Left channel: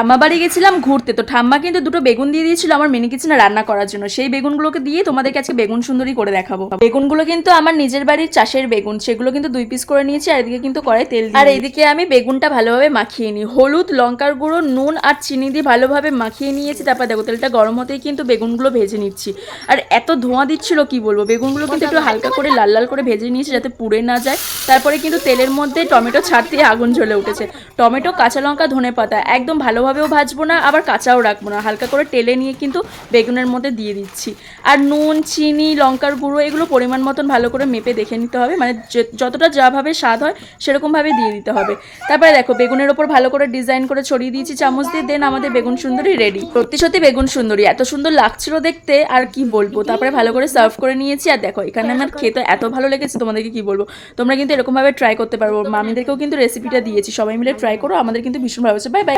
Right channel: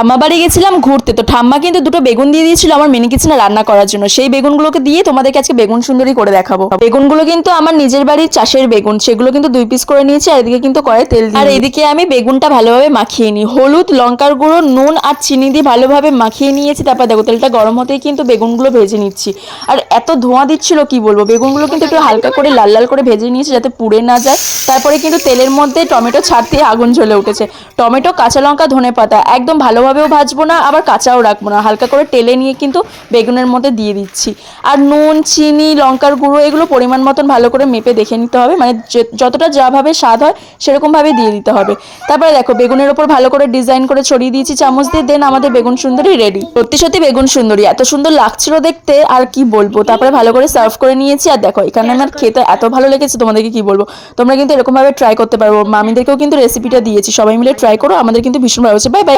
ঠাম্মা বাড়ি গেছিলাম ঘুরতে, তো ঠাম্মা কিন্তু দুটো বেগুন দিয়ে দিয়েছিল আমার মিনি কিচেনে রান্না করার জন্য। সেই বেগুনগুলোকে দিয়ে তোমাদেরকে আজকে বেগুন সুন্দরী করে দেখাবো। বেগুনগুলো কিন্তু আমার নিজের বাড়ির চাষের বেগুন, সেগুলো কিন্তু 2 পিস করে নিয়েছি। আর এদিকে কিন্তু কড়াই তেল দিয়ে, আর এদিকে আমি বেগুনটা ভালোভাবে মাখিয়ে নিই। হলুদ, লঙ্কার গুঁড়ো, নুন আর চিনি দিয়ে ভালোভাবে মাখিয়ে নিয়েছি। তারপর দেখো তেলটা গরম হতেই কিন্তু বেগুনগুলো ভেজে নিচ্ছি। আর এত ধোঁয়া দিচ্ছিল কি বলবো, বেগুনগুলো কিন্তু একটু হালকা করে লাল লাল করে ভেজে নিয়েছি যাতে পুড়ে না যায়। তারপরে কিন্তু তেলের মধ্যে টমেটো ছাড়তে আগুন জ্বলে উঠেছে। টমেটো, কাঁচা লঙ্কা, ধনেপাতা একদম ভালোভাবেও ভাজবো না, আবার কাঁচাও রাখবো না, হালকা করে টেলে নিয়ে কিন্তু বেগুনের মধ্যে দিয়ে দিচ্ছি। আর নুন, চিনি, লঙ্কার গুঁড়ো এগুলো পরিমাণ মতন ভালো করে মেপে দেখে নিতে হবে, মানে যতটা যাভাবে স্বাদ হয় সেরকমভাবে দিয়ে দিতে হবে। তারপরে দেখো বেগুনের ওপর ভালো করে ডিজাইন করে ছড়িয়ে দিয়েছি চামচ দিয়ে। দেন আমাদের বেগুন সুন্দরী রেডি। সত্যি সত্যি বেগুন সুন্দরী এত সুন্দর লাগছিল দেখতে, আর কি বলবো। তারপরে ভালো করে সার্ভ করে নিয়েছি। আর দেখো এখানে আমার খেতে এত ভালো লেগেছে, তোমাদেরকে কি বলবো। তোমরা কিন্তু এরকমভাবে ট্রাই করতে পারবো, মামিদেরকেও কিন্তু রেসিপিটা দিয়েছি, সবাই মিলে ট্রাই করো। আমাদের কিন্তু ভীষণ ভালো হচ্ছে। Bye bye.